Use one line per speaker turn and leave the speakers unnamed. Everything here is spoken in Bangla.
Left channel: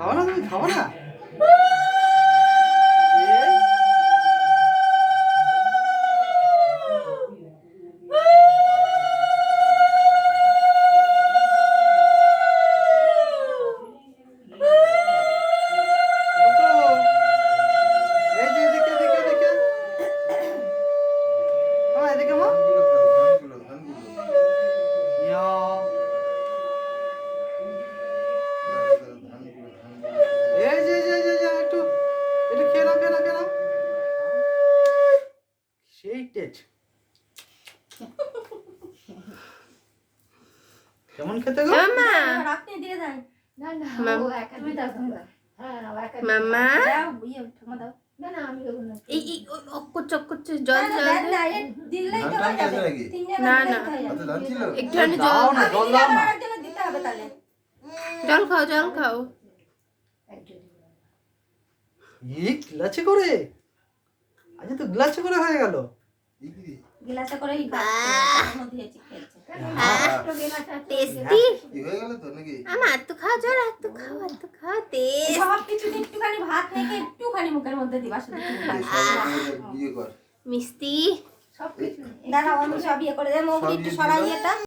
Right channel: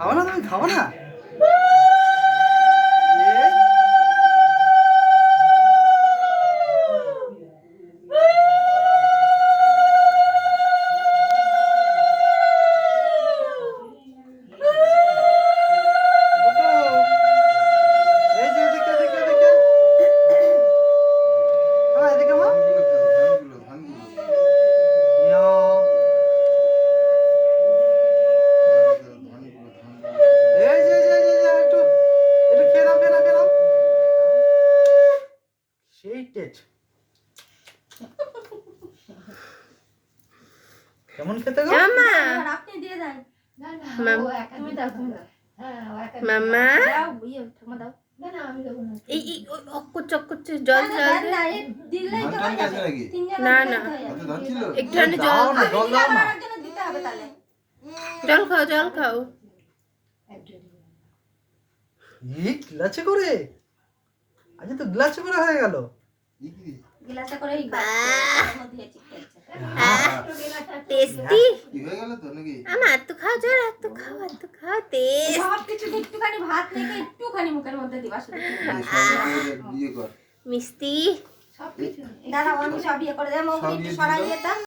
খাব না তুমি খাওয়া না? টেস্ট কেমন খেতে গো?
মামা
আপনি দিয়ে দেন।
না না
মাম-
ও একা
তুমি দাও, তুমি
না। হ্যাঁ ও একা
মামা
দাও ইয়ে ঠাকুমা দাও।
না না আমি দেবো না।
এই এই ওই অক্কর চক্কর জল খাও জল খাও।
গ্লাসে করে? আজ তো গ্লাসে করে হয়ে গেল?
গিলাসে করে খেয়েছে
টেস্টি?
তো
খাও খাও খাও টেস্ট।
সব কিছু একটুখানি ভাত একটুখানি মুখের মধ্যে দিবা শুধু।
মিষ্টি।
সব কিছু
দাদা আমি সব ইয়ে করে দেবো একটু
ইয়ে
সরাই
যেতাম
দিতাম